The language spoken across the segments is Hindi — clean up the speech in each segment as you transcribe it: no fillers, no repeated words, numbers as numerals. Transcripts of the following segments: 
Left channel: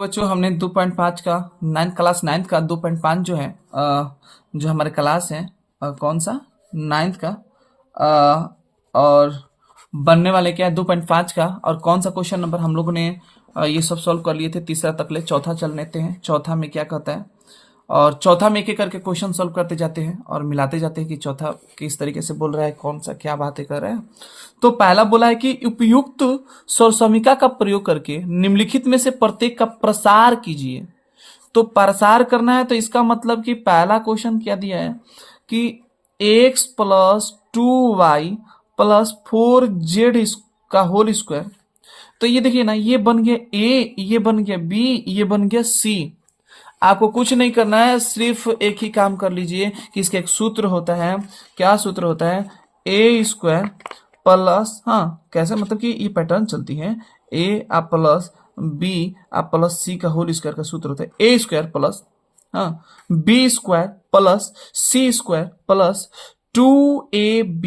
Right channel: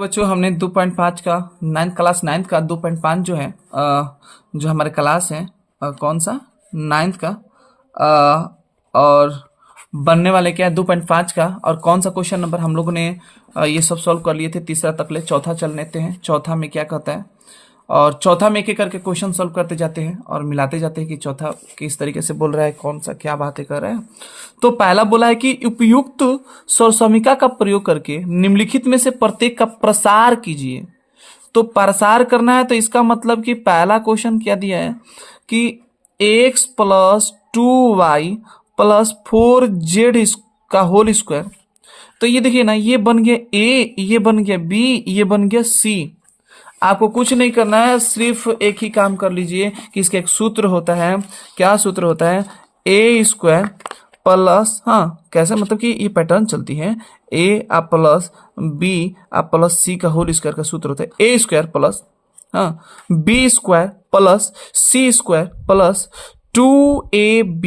बच्चों हमने 2.5 का क्लास नाइन्थ का 2.5 जो है जो हमारे क्लास है कौन सा नाइन्थ का और बनने वाले क्या है 2.5 का और कौन सा क्वेश्चन नंबर हम लोगों ने ये सब सॉल्व कर लिए थे। तीसरा तक ले चौथा चल लेते हैं। चौथा में क्या कहता है और चौथा में एक एक करके क्वेश्चन सॉल्व करते जाते हैं और मिलाते जाते हैं कि चौथा किस तरीके से बोल रहा है, कौन सा क्या बातें कर रहा है। तो पहला बोला है कि उपयुक्त स्वसमिका का प्रयोग करके निम्नलिखित में से प्रत्येक का प्रसार कीजिए। तो प्रसार करना है तो इसका मतलब कि पहला क्वेश्चन क्या दिया है कि x plus 2y plus 4z का होल स्क्वायर। तो ये देखिए ना, ये बन गया a, ये बन गया b, ये बन गया c। आपको कुछ नहीं करना है, सिर्फ एक ही काम कर लीजिए कि इसका एक सूत्र होता है। क्या सूत्र होता है? ए स्क्वायर प्लस, हाँ कैसे, मतलब कि ये पैटर्न चलती है ए आप प्लस बी आप प्लस सी का होल स्क्वायर का सूत्र होता है ए स्क्वायर प्लस, हाँ, B square plus C square plus 2ab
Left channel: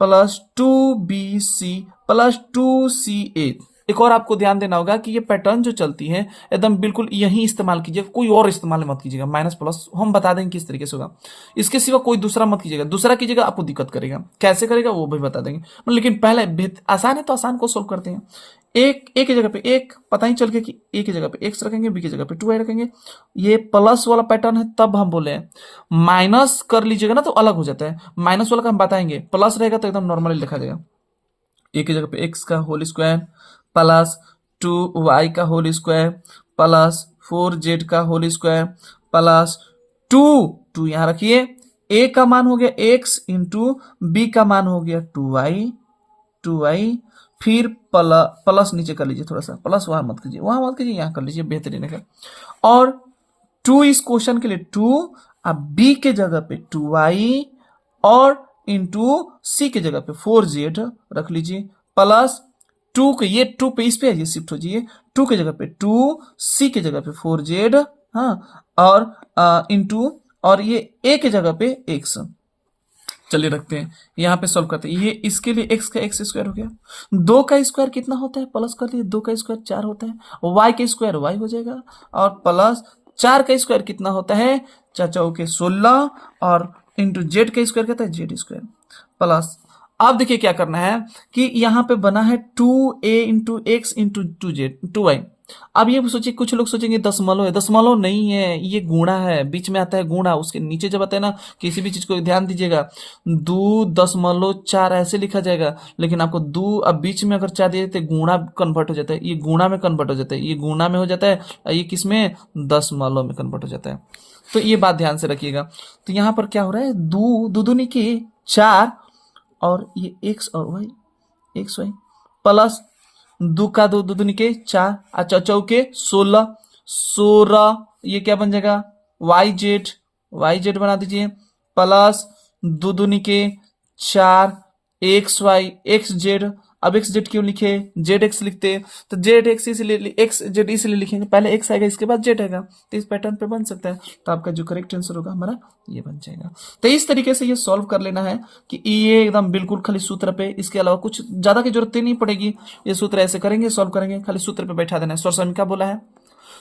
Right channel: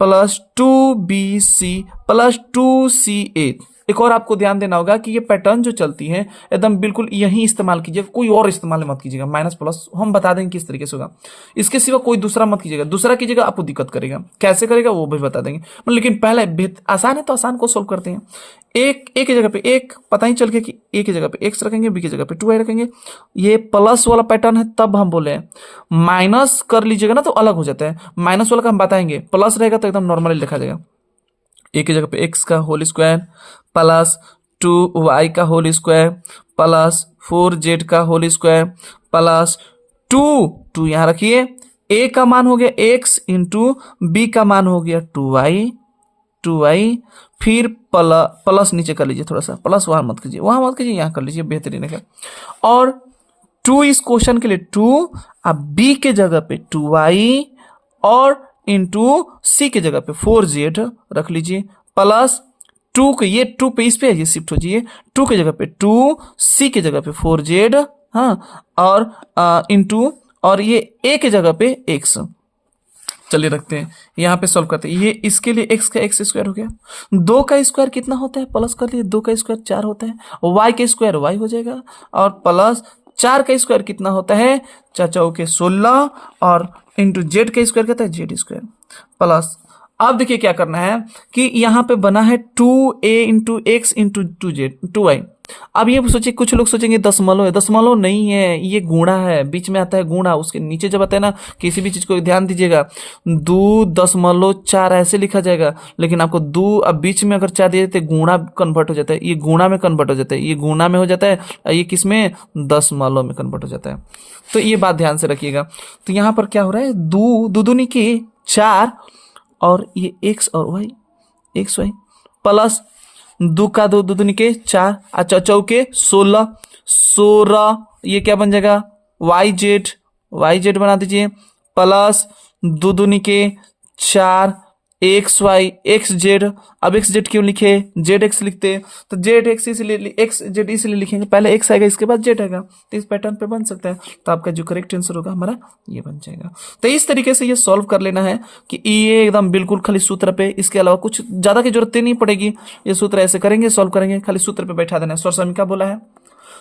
plus 2bc plus 2ca। एक और आपको ध्यान देना होगा कि ये पैटर्न जो चलती है एकदम बिल्कुल यही इस्तेमाल कीजिएगा, कोई और इस्तेमाल मत कीजिएगा। माइनस प्लस हम बता देंगे किस तरीके से होगा, इसके सिवा कोई दूसरा मत कीजिएगा। दूसरा कीजिएगा आपको दिक्कत करेगा, कैसे करेगा वो भी बता देंगे। लेकिन पहले आसान है तो आसान को सोल्व करते हैं। एक की जगह पे एक, पता ही चल गया कि ए की जगह पे एक्स रखेंगे, बी की जगह पे 2y रखेंगे। ये प्लस वाला पैटर्न है तब हम बोले हैं। माइनस कर लीजिएगा ना तो अलग हो जाता है, माइनस वाला का हम बताएंगे, प्लस रहेगा तो एकदम नॉर्मली लिखा जाएगा। ए की जगह पे एक्स का होल स्क्वायर प्लस 2y का होल स्क्वायर प्लस 4z का होल स्क्वायर प्लस 2 यहां रखिए। ए का मान हो गया x इंटू बी का मान हो गया 2y, फिर प्लस नीचे कर लीजिए, थोड़ा सा प्लस वहां मत कीजिए, वहां मत कीजिए, यहां कर लीजिए, बेहतरीन है। और 2 इस क्वेश्चन के लिए 2, अब बी के जगह पे 2y और इंटू सी के जगह पे 4z रख लीजिए प्लस 2 के, ये 2 पे इस पे ये शिफ्ट हो जाइए, 2 की जगह पे 2, सी की जगह पे 4z, हाँ, और इंटू और ये ए की जगह पे x। चलिए रखते हैं, यहाँ पे सॉल्व करते हैं। ये इसके लिए x का x स्क्वायर हो गया, 2 का स्क्वायर कितना होता है, प्लस कर लिए, 2 का स्क्वायर 4 होता है, y का स्क्वायर y हो जाएगा, और प्लस 4 का स्क्वायर कितना होता है, चाचा के 16, और इंटू जेड का स्क्वायर कहता है जेड स्क्वायर प्लस। अब देखिए क्या करना है कि यहाँ पे बना है 2a into x into 2y। अब ये सोचिए, कुछ लोग सोचेंगे दशमलव है, दशमलव नहीं है, ये गुणा है, बीच में आता है गुणा। उसके नीचे जब आता है ना, किसी भी चीज को ध्यान दीजिएगा, 2.4 ऐसे लिखा जाएगा, लेकिन आपको 2 अब बीच में अगर 4 दिए तो गुणा कन्वर्ट हो जाता है, ये गुणा में कन्वर्ट हो जाता है, ये गुणा में हो जाता है, ये किस में, दशमलव में कन्वर्ट हो जाता है। तो ये बात ध्यान से रखिएगा। तो यहाँ पर क्या हो रहा है, दो दूनी की 4 और ये एक्स और वाई, एक्स वाई प्लस 2 का 2 दूनी के 4, अच्छा चौके 16, ये क्या बन जाएगा, वाई जेड बना दीजिए प्लस 2 दूनी के 4 एक्स वाई एक्स जेड। अब एक्स जेड क्यों लिखे, जेड एक्स लिखते, तो जेड एक्स इसलिए एक्स जेड इसलिए लिखेंगे, पहले एक्स आएगा इसके बाद जेड आएगा, तो इस पैटर्न पे बन सकता है। तो आपका जो करेक्ट आंसर होगा हमारा ये बन जाएगा। तो इस तरीके से ये सॉल्व कर लेना है कि ये एकदम बिल्कुल खाली सूत्र पे, इसके अलावा कुछ ज्यादा की जरूरत नहीं पड़ेगी। ये सूत्र ऐसे करेंगे, सॉल्व करेंगे, खाली सूत्र पे बैठा देना है। सौर समीका बोला है,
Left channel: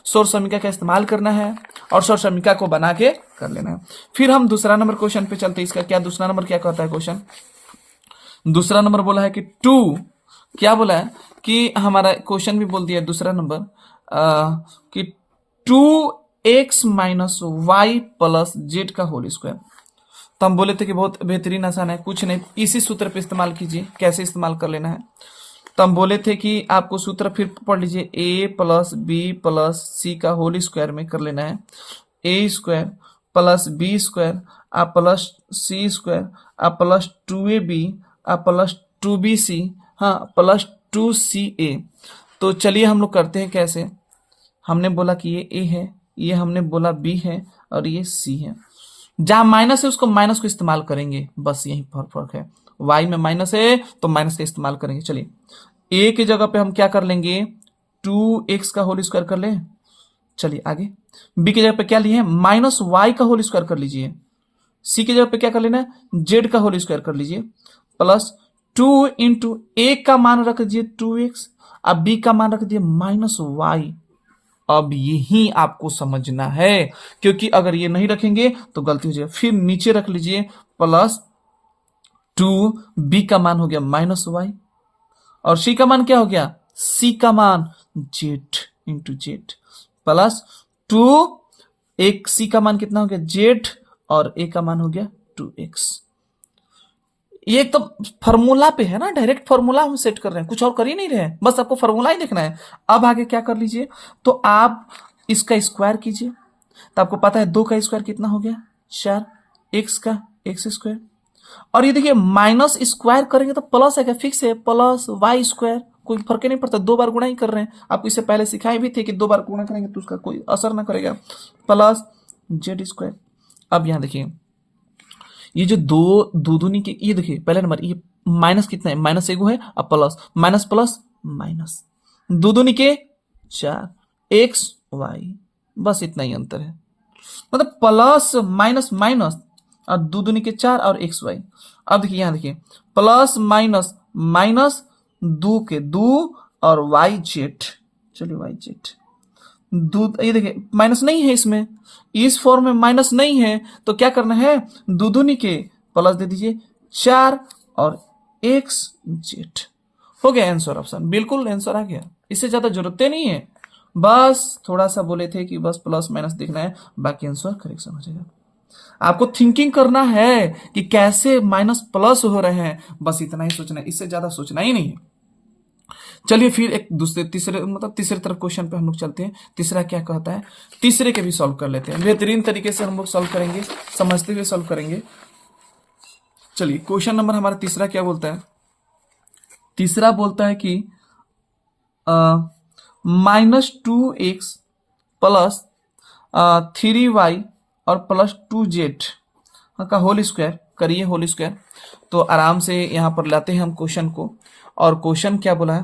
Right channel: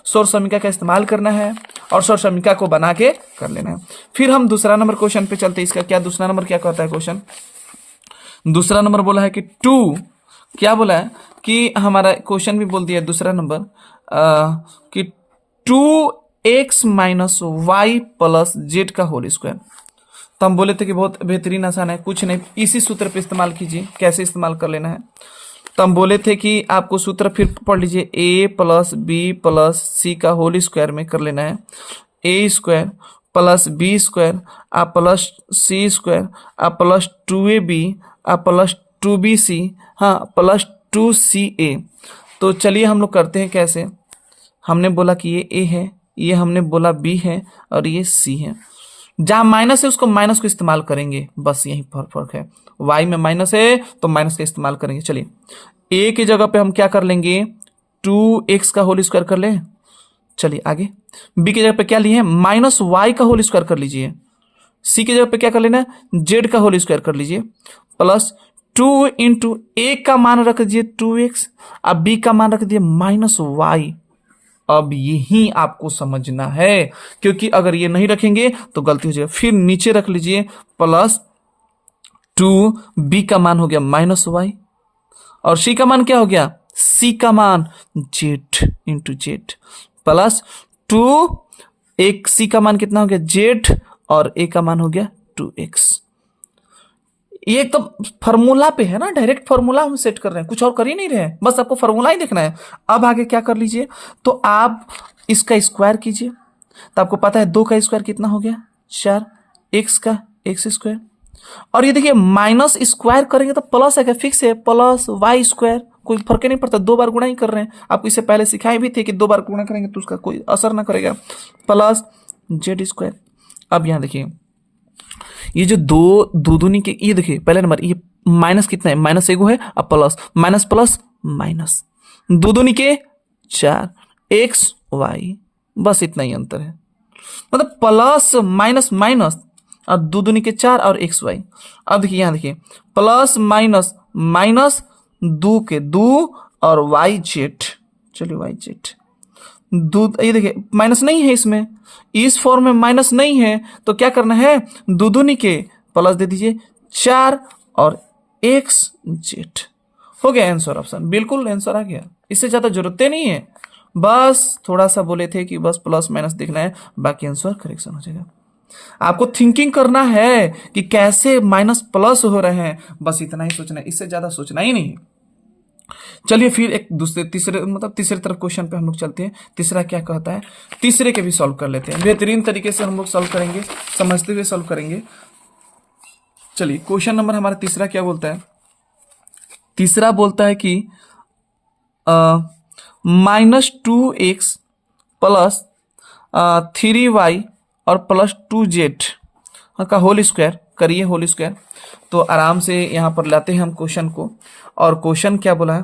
सौर समीका का इस्तेमाल करना है और सौर समीका को बना के कर लेना है। फिर हम दूसरा नंबर क्वेश्चन पे चलते हैं। इसका क्या दूसरा नंबर क्या कहता है क्वेश्चन, दूसरा नंबर बोला है कि 2, क्या बोला है कि हमारा क्वेश्चन भी बोल दिया है दूसरा नंबर कि 2x minus y plus z का होल स्क्वायर। तो हम बोले थे कि बहुत बेहतरीन आसान है, कुछ नहीं, इसी सूत्र पे इस्तेमाल कीजिए। कैसे इस्तेमाल कर लेना है, तो हम बोले थे कि आपको सूत्र फिर पढ़ लीजिए, a plus B plus C का होल स्क्वायर में कर लेना है, A square plus B square uh plus C square uh plus 2ab uh plus 2bc, हाँ, प्लस 2ca। तो चलिए हम लोग करते हैं कैसे। हमने बोला कि ये a है, ये हमने बोला b है, और ये c है। जहां माइनस है उसको माइनस को इस्तेमाल करेंगे, बस यही फर्क है। y में माइनस है तो माइनस का इस्तेमाल करेंगे। चलिए a की जगह पे हम क्या कर लेंगे, 2x का होल स्क्वायर कर लें। चलिए आगे, b की जगह पे क्या लिए हैं, माइनस वाई का होल स्क्वायर कर लीजिए। c की जगह पे क्या कर लेना है, z का होल स्क्वायर कर लीजिए प्लस 2 इंटू ए का मान रख दीजिए 2x, अब b का मान रख दिए माइनस वाई, अब यही आपको समझना है, क्योंकि अगर ये नहीं रखेंगे तो गलती हो जाएगी। फिर नीचे रख लीजिए प्लस 2, बी का मान हो गया -y, और सी का मान क्या हो गया, सी का मान जेड इंटू जेड, प्लस 2, एक सी का मान कितना हो गया जेड, और ए का मान हो गया 2x। ये तो फॉर्मूला पे है ना, डायरेक्ट फॉर्मूला हम सेट कर रहे हैं, कुछ और कर ही नहीं रहे हैं, बस आपको फॉर्मूला ही देखना है। अब आगे क्या कर लीजिए, तो आप इसका स्क्वायर कीजिए, तो आपको पता है 2 का स्क्वायर कितना हो गया 4, x का एक्स स्क्वायर, और ये देखिए माइनस स्क्वायर करेंगे तो प्लस है, क्या फिक्स है, प्लस वाई स्क्वायर, कोई फर्क ही नहीं पड़ता, 2 बार गुणा ही कर रहे हैं। आपको इससे पहले सिखाए भी थे कि 2 बार गुणा करेंगे तो उसका कोई असर ना करेगा, प्लस जेड स्क्वायर। अब यहां देखिए ये जो दो दो दूनी के, ये देखिए पहले नंबर ये माइनस कितना है, माइनस एगो है, अब प्लस माइनस प्लस माइनस, दो दूनी के 4, एक्स वाई, बस इतना ही अंतर है, मतलब प्लस माइनस माइनस, और दो दूनी के 4 और एक्स वाई। अब देखिए यहां देखिए प्लस माइनस माइनस, 2 के 2 और वाई जेड, चलिए वाई जेड, दूध, ये देखिए माइनस नहीं है इसमें, इस फॉर्म में माइनस नहीं है, तो क्या करना है, दूनी के प्लस दे दीजिए 4 और एक्स जेड, हो गया आंसर ऑप्शन, बिल्कुल आंसर आ गया, इससे ज्यादा जरूरत नहीं है, बस थोड़ा सा बोले थे कि बस प्लस माइनस देखना है, बाकी आंसर करेक्शन हो जाएगा। आपको थिंकिंग करना है कि कैसे माइनस प्लस हो रहे हैं, बस इतना ही सोचना है, इससे ज्यादा सोचना ही नहीं है। चलिए फिर एक दूसरे तीसरे मतलब तीसरे तरफ क्वेश्चन पे हम लोग चलते हैं, तीसरा क्या कहता है, तीसरे के भी सॉल्व कर लेते हैं, बेहतरीन तरीके से हम लोग सॉल्व करेंगे, समझते हुए सॉल्व करेंगे। चलिए क्वेश्चन नंबर हमारा तीसरा क्या बोलता है, तीसरा बोलता है कि -2x प्लस 3y और प्लस 2z का होल स्क्वायर करिए, होल स्क्वायर। तो आराम से यहां पर लाते हैं हम क्वेश्चन को, और क्वेश्चन क्या बोला है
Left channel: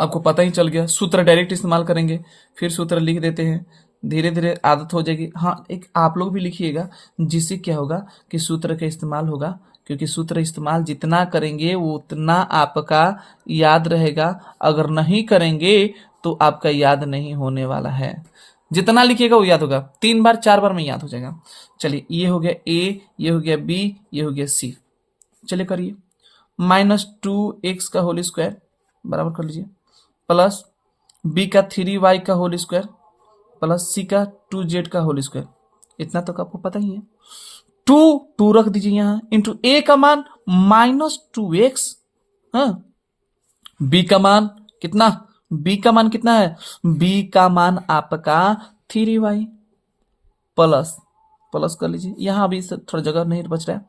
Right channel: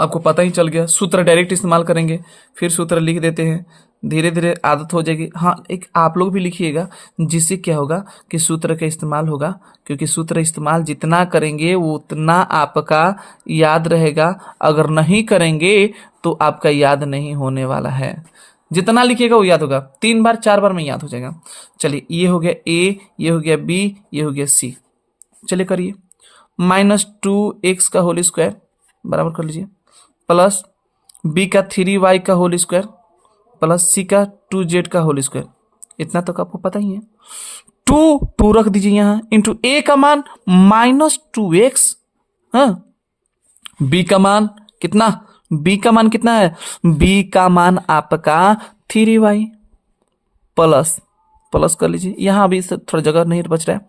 आपको पता ही चल गया, सूत्र डायरेक्ट इस्तेमाल करेंगे, फिर सूत्र लिख देते हैं, धीरे धीरे आदत हो जाएगी। हाँ एक आप लोग भी लिखिएगा, जिससे क्या होगा कि सूत्र का इस्तेमाल होगा, क्योंकि सूत्र इस्तेमाल जितना करेंगे वो उतना आपका याद रहेगा, अगर नहीं करेंगे तो आपका याद नहीं होने वाला है, जितना लिखिएगा वो याद होगा, 3 बार 4 बार में याद हो जाएगा। चलिए ये हो गया ए, ये हो गया बी, ये हो गया सी, चलिए करिए, -2x का होल स्क्वायर बराबर कर लीजिए, प्लस बी का 3y का होल स्क्वायर, प्लस सी का 2z का होल स्क्वायर, इतना तो आपको पता ही है, 2 रख दीजिए यहां, इंटू ए का मान -2x, हाँ बी का मान कितना, बी का मान कितना है, बी का मान आपका 3y, प्लस प्लस कर लीजिए, यहां अभी थोड़ा जगह नहीं बच रहा है,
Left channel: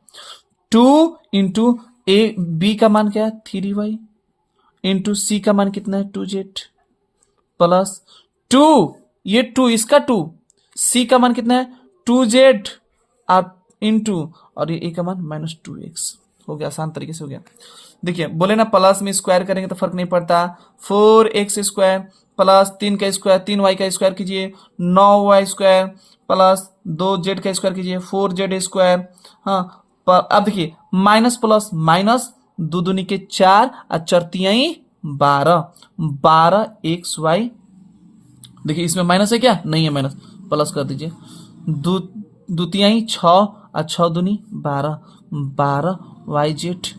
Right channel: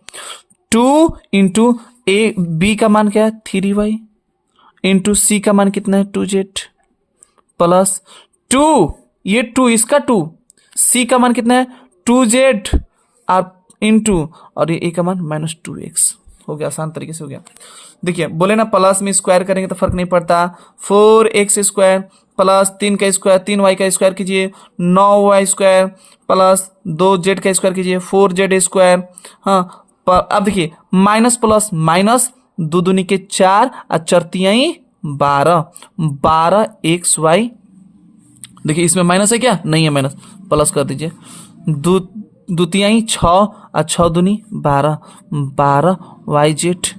2 इंटू ए, बी का मान क्या है 3y, इंटू सी का मान कितना है 2z, प्लस 2, ये 2 इसका 2, सी का मान कितना है 2z, और इंटू, और ये ए का मान -2x, हो गया, आसान तरीके से हो गया। देखिए बोले ना प्लस में स्क्वायर करेंगे तो फर्क नहीं पड़ता, 4x स्क्वायर प्लस 3 का स्क्वायर, 3y का स्क्वायर कीजिए 9y स्क्वायर, प्लस 2z का स्क्वायर कीजिए 4z स्क्वायर, हाँ अब देखिए माइनस प्लस माइनस, दो दूनी के 4 और चरतियाई 12, 12xy, देखिए इसमें माइनस है क्या, नहीं है माइनस, प्लस कर दीजिए, द्वितीयाई 6 और 6 दूनी 12, 12yz,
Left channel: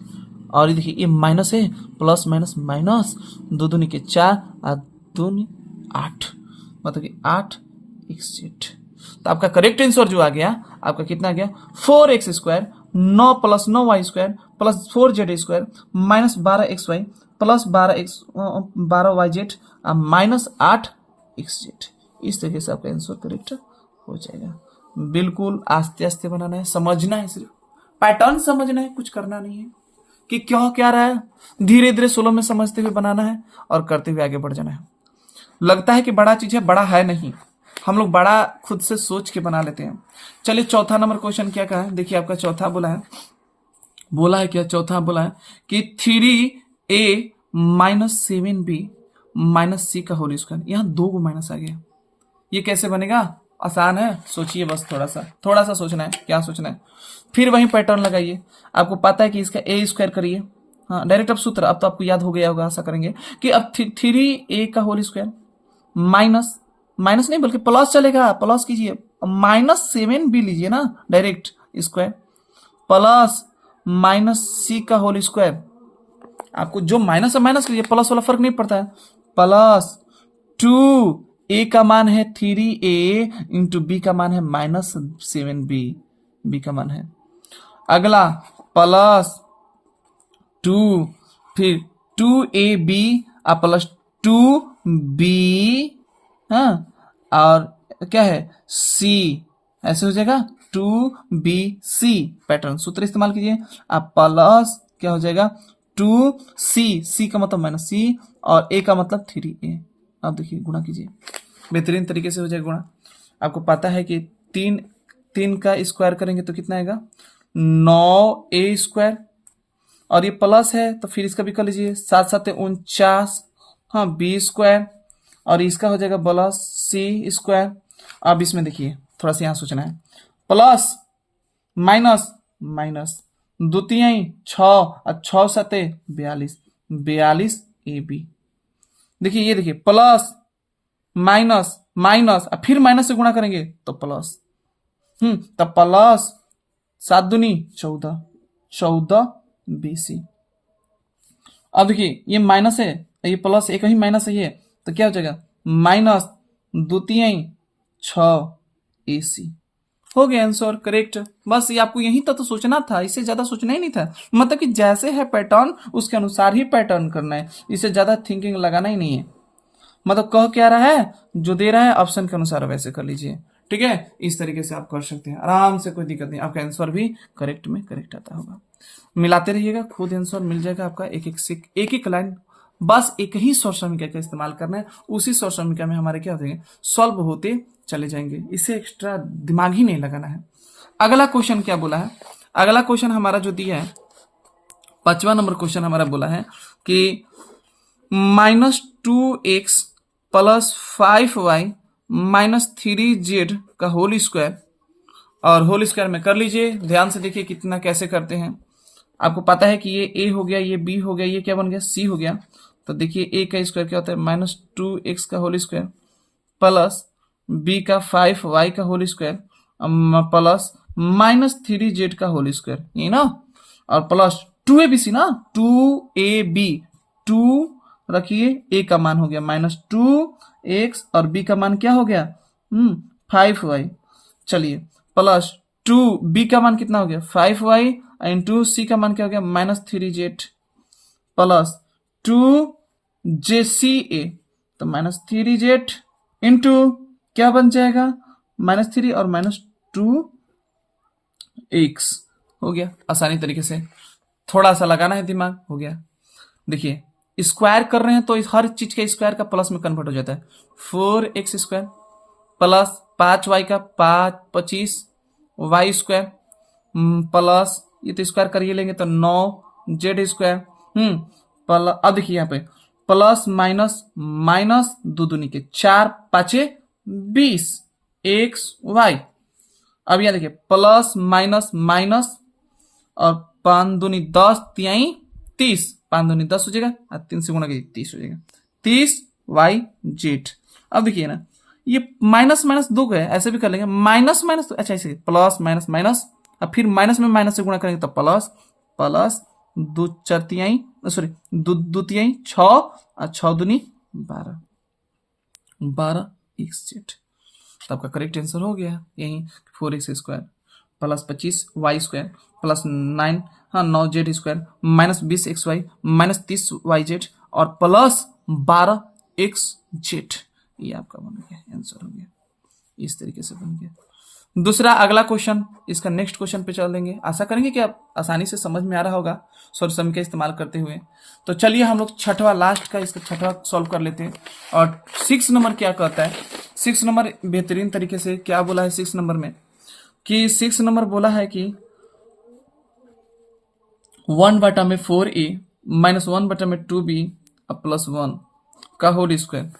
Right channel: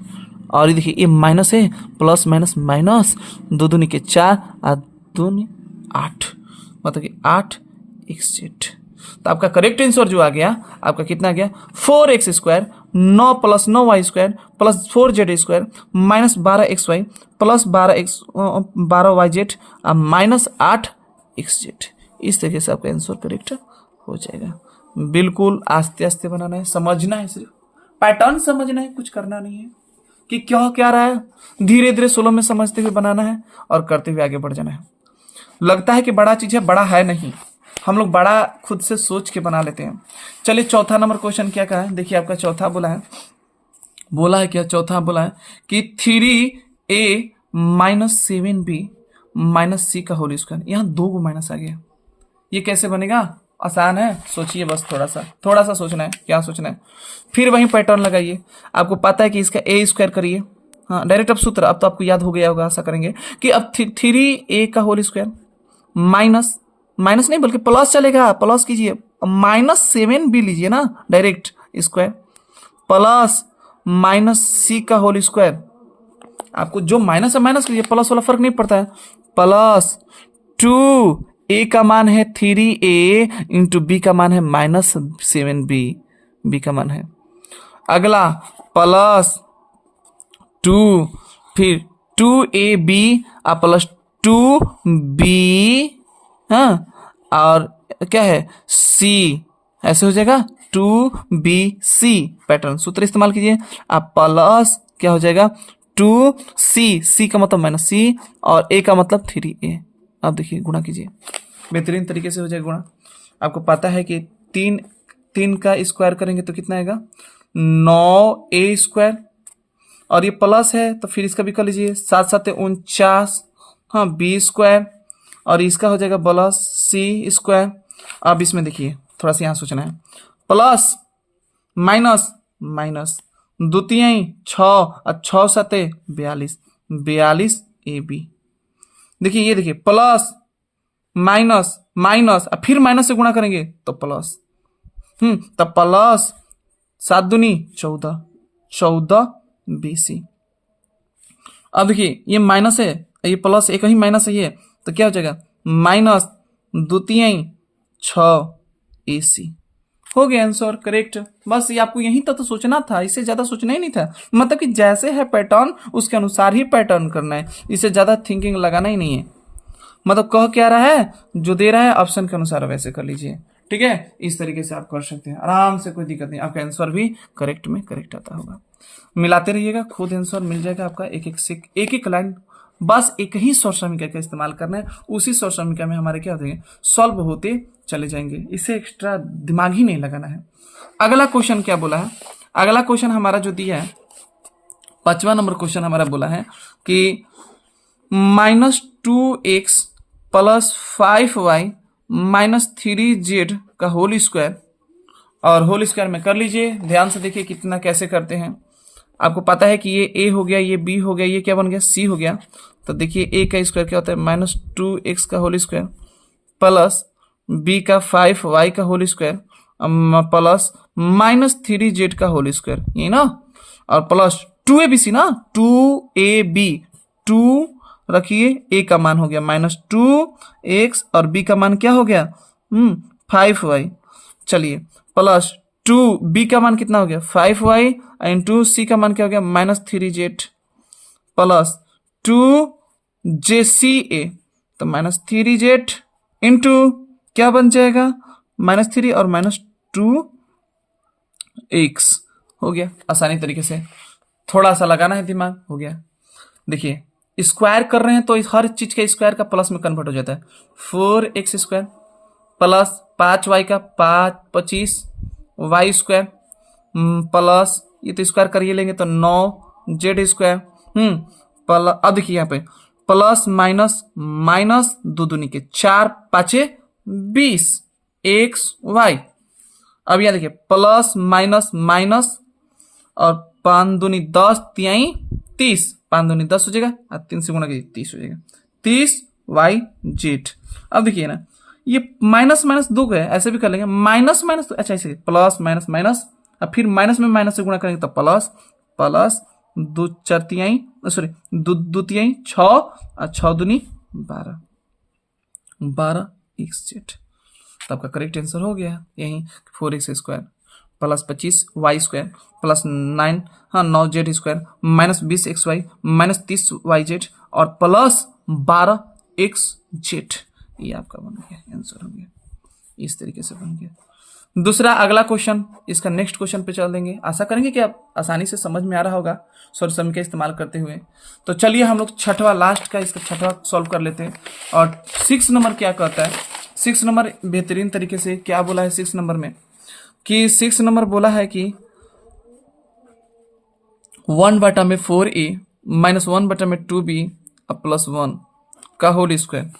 और ये देखिए ये माइनस है, प्लस माइनस माइनस, दो दूनी के 4 और दूनी 8, मतलब कि 8xz। तो आपका करेक्ट आंसर जो आ गया आपका कितना आ गया, 4x square 9 plus 9y square plus 4z square minus 12xy plus 12yz minus 8xz। इस तरीके से आपका आंसर करेक्ट हो जाएगा। बिल्कुल आस्ते आस्ते बनाना है, समझना है, सिर्फ पैटर्न समझना है, कुछ करना नहीं है कि क्यों क्या रहा है, धीरे धीरे स्लो में समझते हुए बनाना है और करते हुए आगे बढ़ जाना है। लगता है कि बड़ा चीज है, बड़ा है नहीं, हम लोग बड़ा खुद से सोच के बना लेते हैं। चलिए चौथा नंबर क्वेश्चन क्या कहा है, देखिए आपका चौथा बोला है क्या, चौथा बोला है कि 3a माइनस 7b माइनस सी का होल स्क्वायर, यहाँ 2 को माइनस आ गया, ये कैसे बनेगा, आसान है, सोचिए बस थोड़ा सा सोचना है, क्या सोचना है, फिर वही पैटर्न लगाइए। आपको पता है कि इसका ए स्क्वायर करिए, हाँ डायरेक्ट अब सूत्र, अब तो आपको याद हो गया होगा, आशा करेंगे कि अब 3a का होल स्क्वायर माइनस माइनस नहीं बल्कि प्लस चलेगा, प्लस कीजिए, -7b लीजिए ना डायरेक्ट स्क्वायर, प्लस -c² आपको जो माइनस है माइनस कीजिए, प्लस वाला फर्क नहीं पड़ता है, प्लस 2a का मान है 3a इंटू बी का मान है -7b, बी का मान है। अगला प्लस 2, फिर 2ab और प्लस 2b, हाँ, और क्या है c, ऐसे हो जाएगा 2bc पैटर्न सूत्र इस्तेमाल कीजिए। आप प्लस क्या हो जाएगा 2c का मतलब -c और a का मतलब 3a। अब देखिए गुणा कीजिए, बेहतरीन तरीके से हो जाएगा गुणा। आपको पता है कि 3 का स्क्वायर करेंगे तो कितना आएगा 9a², और ये प्लस है तो फिर इसका भी कर लीजिए, 7×7 = 49, हाँ b², और इसका हो जाएगा प्लस c²। अब इसमें देखिए थोड़ा सा यहाँ सोचना है, प्लस माइनस माइनस, द्वितीय 6 और 6×7 = 42, 42ab। देखिए ये देखिए प्लस माइनस माइनस और फिर माइनस से गुणा करेंगे तो प्लस, तब प्लस 7×2 = 14, 14bc। अब देखिए ये माइनस है, ये प्लस एक ही माइनस है, ये तो क्या हो जाएगा माइनस द्वितीय 6ac। हो गया आंसर करेक्ट। बस ये आपको यही तक तो सोचना था, इससे ज्यादा सोचना ही नहीं था, मतलब कि जैसे है पैटर्न उसके अनुसार ही पैटर्न करना है, इससे ज्यादा थिंकिंग लगाना ही नहीं है। मतलब कह क्या रहा है, जो दे रहा है ऑप्शन के अनुसार वैसे कर लीजिए, ठीक है। इस तरीके से आप कर सकते हैं आराम से, कोई दिक्कत नहीं, आपका आंसर भी करेक्ट में करेक्ट आता होगा। मिलाते रहिएगा, खुद आंसर मिल जाएगा आपका, एक एक लाइन, बस एक ही शॉर्ट समीकरण का इस्तेमाल करना है, उसी शॉर्ट समीकरण में हमारे क्या होते हैं सॉल्व होते चले जाएंगे, इससे एक्स्ट्रा दिमाग ही नहीं लगाना है। अगला क्वेश्चन क्या बोला है, अगला क्वेश्चन हमारा जो दिया है 5वां नंबर क्वेश्चन हमारा बोला है कि -2x + 5y - 3z का होल स्क्वायर, और होल स्क्वायर में कर लीजिए। ध्यान से देखिए कितना कैसे करते हैं। आपको पता है कि ये a हो गया, ये b हो गया, ये क्या बन गया c हो गया। तो देखिए a का स्क्वायर क्या होता है -2x का होल स्क्वायर प्लस b का 5y का होल स्क्वायर प्लस -3z का होल स्क्वायर, ये ना, और प्लस 2abc ना, 2ab, 2 रखिए, a का मान हो गया -2x और b का मान क्या हो गया 5y। चलिए प्लस 2b का मान कितना हो गया 5y इंटू c का मान क्या हो गया -3z प्लस 2jca, तो -3z इंटू क्या बन जाएगा -3 और -2x हो गया। आसानी तरीके से थोड़ा सा लगाना है दिमाग, हो गया। देखिए स्क्वायर कर रहे हैं तो हर चीज का स्क्वायर का प्लस में कन्वर्ट हो जाता है। 4x² प्लस 5y का 25y² प्लस ये तो स्क्वायर करिए लेंगे तो 9z², प्लस, अब देखिए यहाँ पे प्लस माइनस माइनस, 2 दूनी के 4 5 20 xy। अब यहाँ देखिए प्लस माइनस माइनस और 5 दूनी 10 तिहाई 30, 5 दूनी 10 हो जाएगा और 3 से गुणा कीजिए 30 हो जाएगा, 30yz। अब देखिए ना ये माइनस माइनस 2 गए, ऐसे भी कर लेंगे माइनस माइनस, अच्छा ऐसे प्लस माइनस माइनस और फिर माइनस में माइनस से गुणा करेंगे तो प्लस प्लस 2 4 तिहाई, सॉरी 2 तिहाई 6 और 6 दूनी 12, 12xz। तो आपका करेक्ट आंसर हो गया यही 4x² प्लस 25y² प्लस 9, हाँ 9z² minus 20xy minus 30yz और प्लस 12xz। ये आपका बन गया आंसर, हो गया इस तरीके से बन गया। दूसरा अगला क्वेश्चन, इसका नेक्स्ट क्वेश्चन पे चल देंगे। आशा करेंगे कि आप आसानी से समझ में आ रहा होगा सॉरी सम का इस्तेमाल करते हुए। तो चलिए हम लोग छठवां लास्ट का इसका छठवां सॉल्व कर लेते हैं। और 6 नंबर क्या कहता है, 6 नंबर बेहतरीन तरीके से क्या बोला है 6 नंबर में कि 6 नंबर बोला है कि 1/4a माइनस 1/2b प्लस 1 का होल स्क्वायर।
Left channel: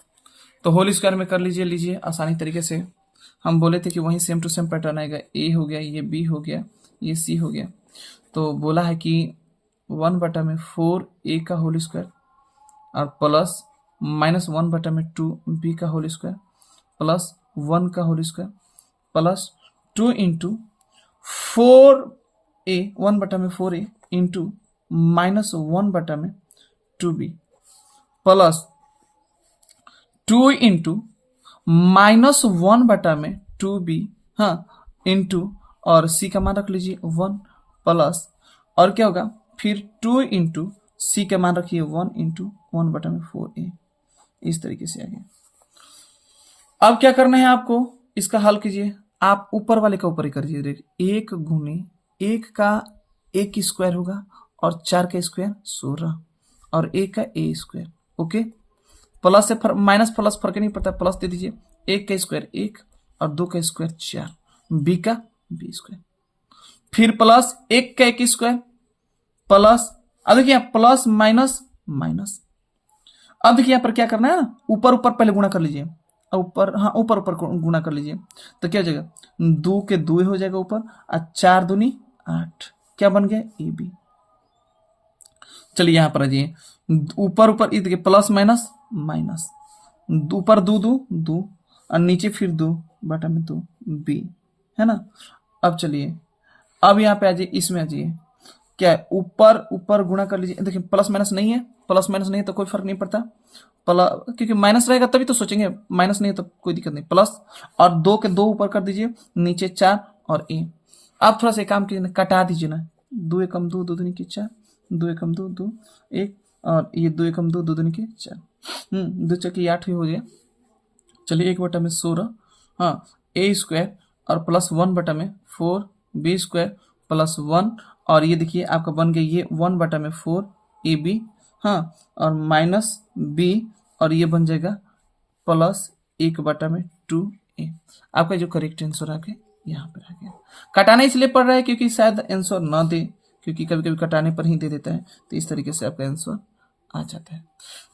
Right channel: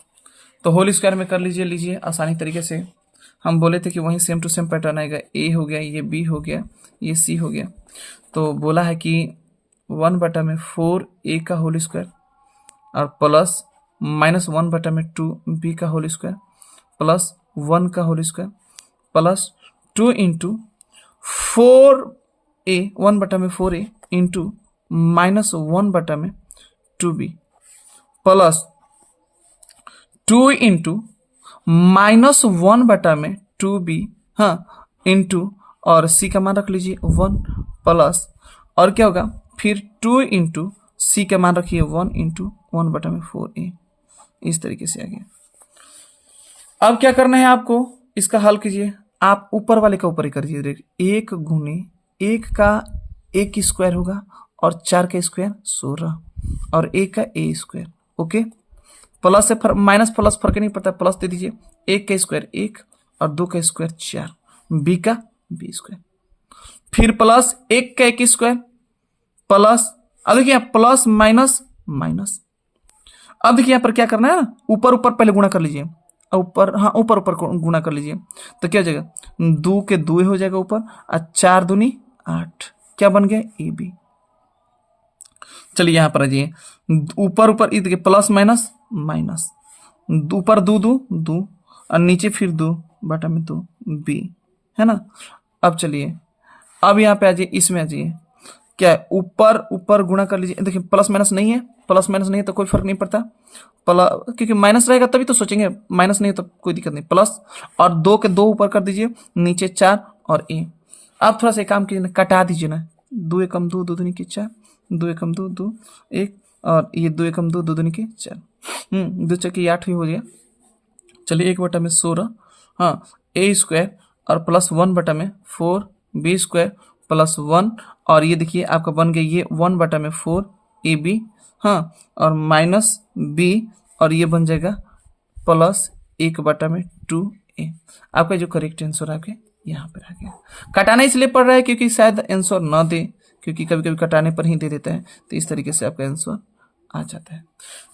तो होल स्क्वायर में कर लीजिए आसानी तरीके से। हम बोले थे कि वहीं सेम टू सेम पैटर्न आएगा, ए हो गया, ये बी हो गया, ये सी हो गया। तो बोला है कि 1/4a का होल स्क्वायर और प्लस -1/2b का होल स्क्वायर प्लस 1 का whole square plus 2 into 4a 1/4a into minus 1/2b plus 2 into minus 1/2b, हाँ, इंटू और c का मान रख लीजिए 1 प्लस और क्या होगा फिर 2 इंटू सी का मान रखिए 1 इंटू 1/4a। इस तरीके से आ गया। अब क्या करना है आपको, इसका हल कीजिए। आप ऊपर वाले का ऊपर ही करिए। देखिए 1 गुने 1 का 1 स्क्वायर होगा और 4 का स्क्वायर 16 और 1 का a स्क्वायर। ओके, प्लस से माइनस प्लस फर्क नहीं पड़ता, प्लस दे दीजिए। 1 का स्क्वायर 1 और 2 का स्क्वायर 4, b का b स्क्वायर, फिर प्लस 1 का 1 स्क्वायर प्लस, अब देखिए प्लस माइनस माइनस। अब देखिए यहाँ पर क्या करना है, ऊपर ऊपर पहले गुणा कर लीजिए, ऊपर, हाँ ऊपर ऊपर गुणा कर लीजिए तो क्या हो जाएगा 2 के 2 हो जाएगा ऊपर और 4 दूनी 8, क्या बन गया ए बी। चलिए यहाँ पर आ जाइए, ऊपर ऊपर देखिए प्लस माइनस माइनस, ऊपर 2 2 2 और नीचे फिर 2 बटा में 2 बी, है ना। अब चलिए अब यहाँ पे आ जाइए, इसमें आ जाइए, क्या है ऊपर ऊपर गुणा कर लीजिए। देखिए प्लस माइनस नहीं है, प्लस माइनस नहीं है तो कोई फर्क नहीं पड़ता, प्लस क्योंकि माइनस रहेगा तभी तो सोचेंगे, माइनस नहीं है तो कोई दिक्कत नहीं, प्लस और 2 के 2 ऊपर कर दीजिए, नीचे 4 और ए। आप थोड़ा सा काम कीजिए ना, कटा दीजिए ना, 2 एकम 2 2 दूनी के 4, 2 एकम 2 2 1 और ये 2 एकम 2 2 दूनी के 4, 2 चौके 8 ही हो गया। चलिए 1/16, हाँ, ए स्क्वायर और प्लस 1/4 बी स्क्वायर प्लस 1 और ये देखिए आपका बन गया ये 1/4 ए बी, हाँ, और माइनस बी और ये बन जाएगा प्लस 1/2 ए। आपका जो करेक्ट आंसर आपके यहाँ पर आ गया। कटाना इसलिए पड़ रहा है क्योंकि शायद आंसर न दे, क्योंकि कभी कभी कटाने पर ही दे देता है, तो इस तरीके से आपका आंसर आ जाता है।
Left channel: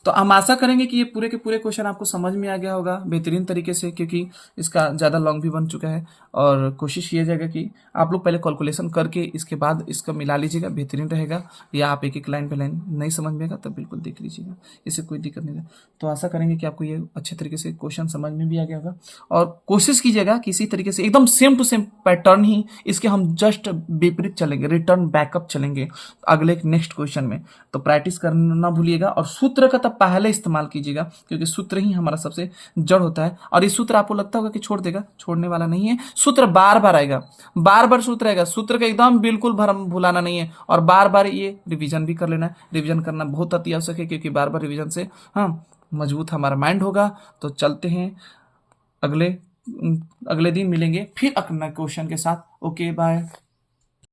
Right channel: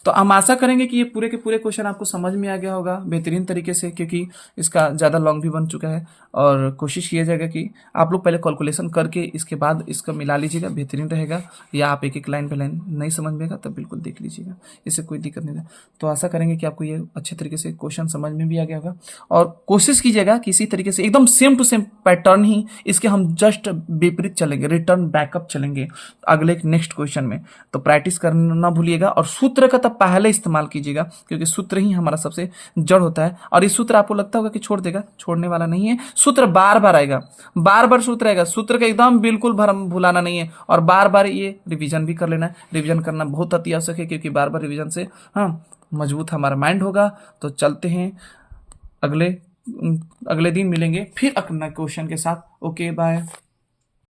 तो हम आशा करेंगे कि ये पूरे के पूरे क्वेश्चन आपको समझ में आ गया होगा बेहतरीन तरीके से, क्योंकि इसका ज़्यादा लॉन्ग भी बन चुका है और कोशिश किया जाएगा कि आप लोग पहले कैलकुलेशन करके इसके बाद इसका मिला लीजिएगा, बेहतरीन रहेगा। या आप एक एक लाइन पे लाइन नहीं समझ में आएगा तब बिल्कुल देख लीजिएगा, इससे कोई दिक्कत नहीं है। तो आशा करेंगे कि आपको ये अच्छे तरीके से क्वेश्चन समझ में भी आ गया होगा और कोशिश कीजिएगा कि इसी तरीके से एकदम सेम टू सेम पैटर्न ही इसके हम जस्ट विपरीत चलेंगे, रिटर्न बैकअप चलेंगे अगले नेक्स्ट क्वेश्चन में। तो प्रैक्टिस करना ना भूलिएगा और सूत्र का तब पहले इस्तेमाल कीजिएगा, क्योंकि सूत्र ही हमारा सबसे जड़ होता है। और ये सूत्र आपको लगता होगा कि छोड़ देगा, छोड़ने वाला नहीं है, सूत्र बार बार आएगा, बार बार सूत्र आएगा, सूत्र का एकदम बिल्कुल भरम भुलाना नहीं है और बार बार ये रिवीजन भी कर लेना है। रिवीजन करना बहुत अति आवश्यक है, क्योंकि बार बार रिवीजन से हाँ मजबूत हमारा माइंड होगा। तो चलते हैं अगले दिन मिलेंगे फिर अपना क्वेश्चन के साथ। Okay bye.